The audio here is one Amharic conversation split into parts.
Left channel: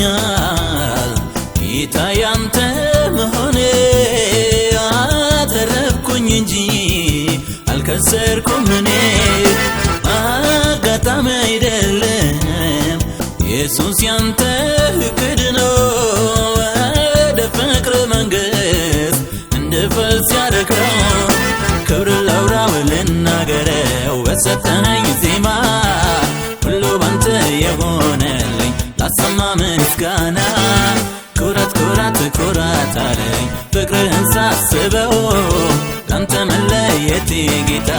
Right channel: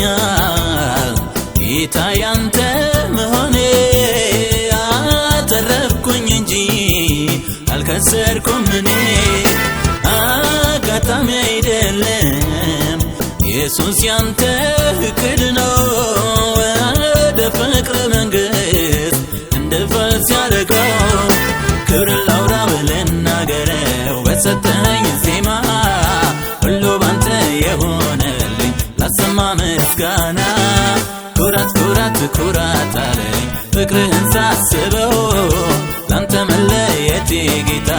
ያኮራኛል ጌታ ያንተ መሆኔ አተረፍኩኝ እንጂ አልከሰርኩም እኔ አጋጣሚ አይደለም ኢየሱስ ያንተ እቅድ ነው ወደ ፍቅር መንግሥት እንድፈልስ ያደረገው ክብር ላውራው ልናገረው በሰጠኸኝ ዜማ ሁሉ ባንተ የሆነልኝ ላሰማ ምስጋና ኩራት ኩራት ኩራት አለኝ ፍቅርህን ሳስበው ላንተ መለየቴ ጌታ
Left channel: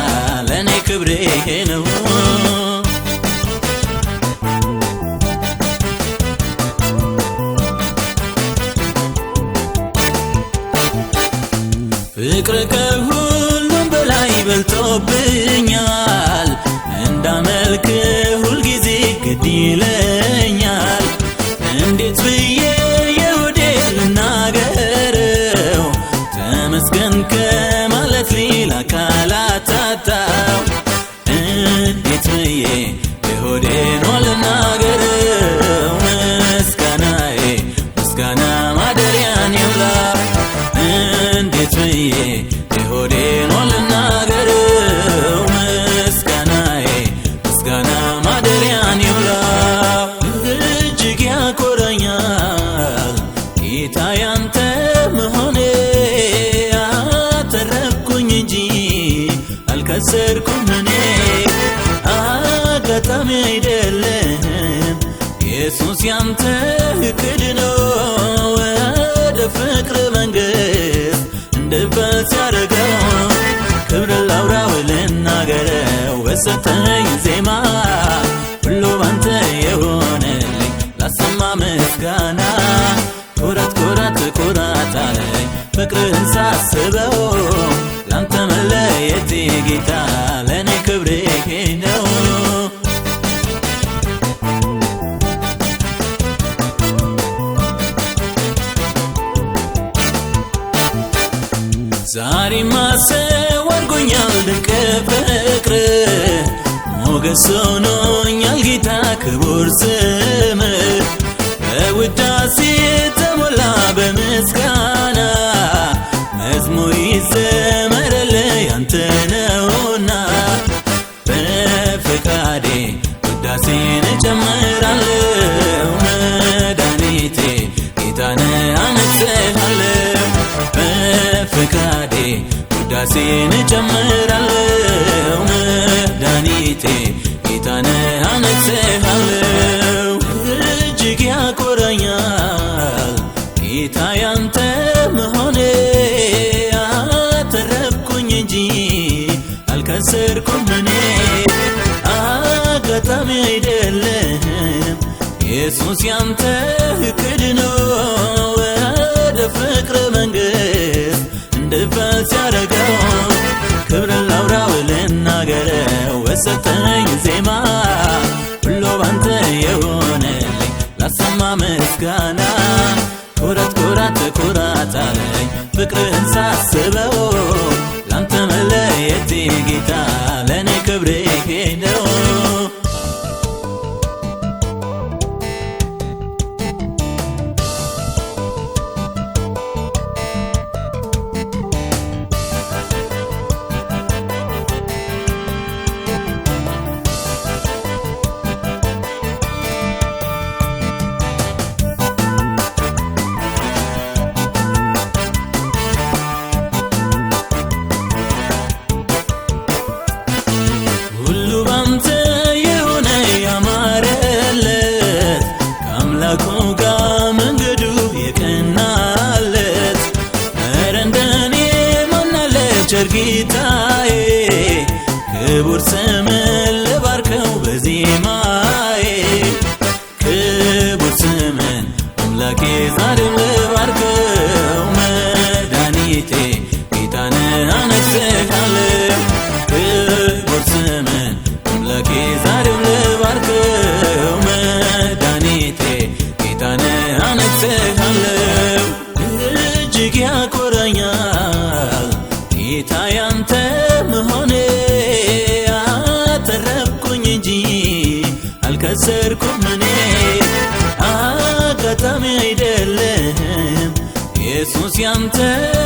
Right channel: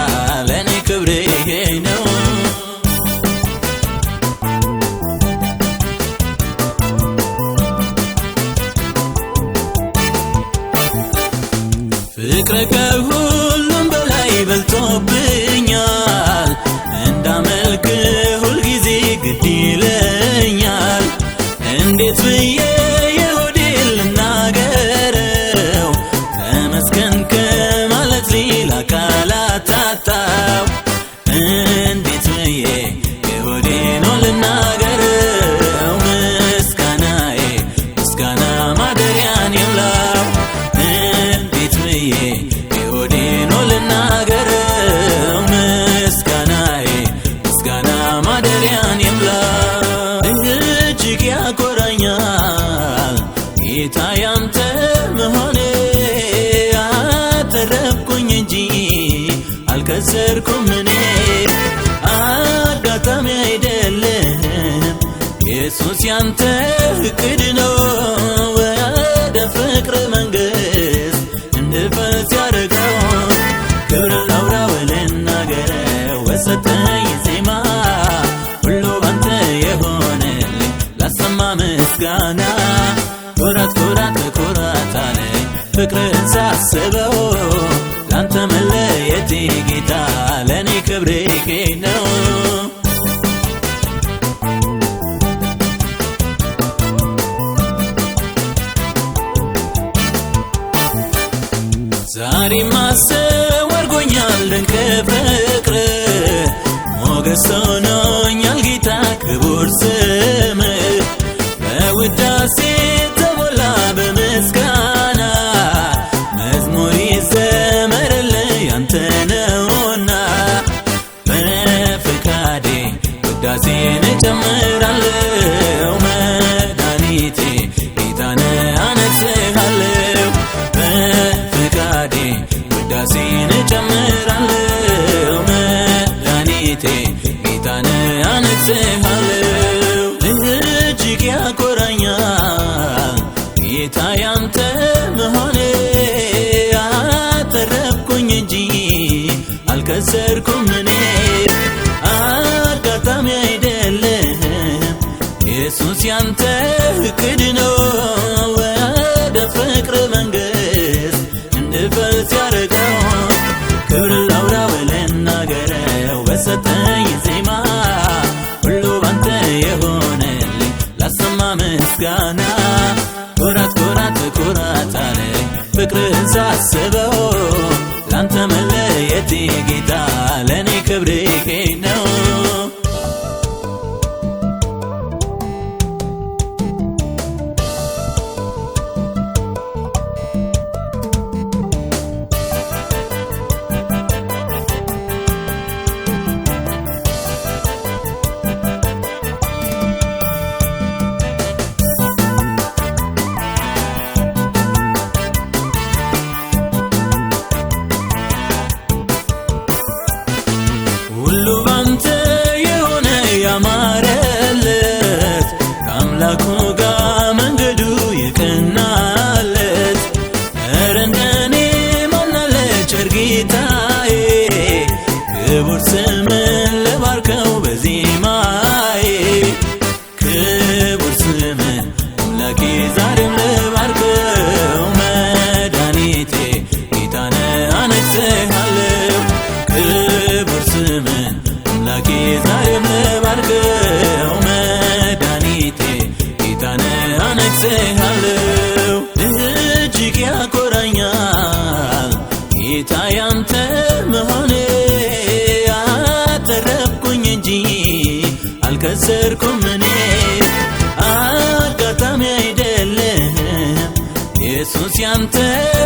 ለእኔ ክብሬ ፍቅር ከሁሉም በላይ በልጦብኛል እንዳመልክ ሁልጊዜ ግድ ይለኛል እንዴት ብዬ የሆዴ ልናገረው ተመስገን ከማለት ሌላ ቃላት አጣሁ እንዴት ብዬ የሆዴ ነው ልናገረው ምስጋናዬ ምስጋና ማደሪያን ይውላል እንዴት ብዬ የሆዴ ነው ልናገረው ምስጋናዬ ምስጋና ማደሪያን ይውላል እጅግ ያኮራኛል ጌታ ያንተ መሆኔ አተረፍኩኝ እንጂ አልከሰርኩም እኔ አጋጣሚ አይደለም ኢየሱስ ያንተ እቅድ ነው ወደ ፍቅር መንግሥት እንድፈልስ ያደረገው ክብር ላውራው ልናገረው በሰጠኸኝ ዜማ ሁሉ ባንተ የሆነልኝ ላሰማ ምስጋና ኩራት ኩራት ኩራት አለኝ ፍቅርህን ሳስበው ላንተ መለየቴ ጌታ ለእኔ ክብሬ ነው ዛሬማ ሰው አድርጎኛል ከፍቅር ሞገስ ሆኖኛል ጌታ ክቡር ስምህ በውዳሴ ተሞላ በምስጋና መዝሙር ይዘመርልህ ያንተ ነውና በፈቃዴ ውዳሴን እጨምራለሁ መድኃኒቴ ጌታን አነግሥሃለሁ በፈቃዴ ውዳሴን እጨምራለሁ መድኃኒቴ ጌታን አነግሥሃለሁ እጅግ ያኮራኛል ጌታ ያንተ መሆኔ አተረፍኩኝ እንጂ አልከሰርኩም እኔ አጋጣሚ አይደለም ኢየሱስ ያንተ እቅድ ነው ወደ ፍቅር መንግሥት እንድፈልስ ያደረገው ክብር ላውራው ልናገረው በሰጠኸኝ ዜማ ሁሉ ባንተ የሆነልኝ ላሰማ ምስጋና ኩራት ኩራት ኩራት አለኝ ፍቅርህን ሳስበው ላንተ መለየቴ ጌታ ለእኔ ክብሬ ነው አንተ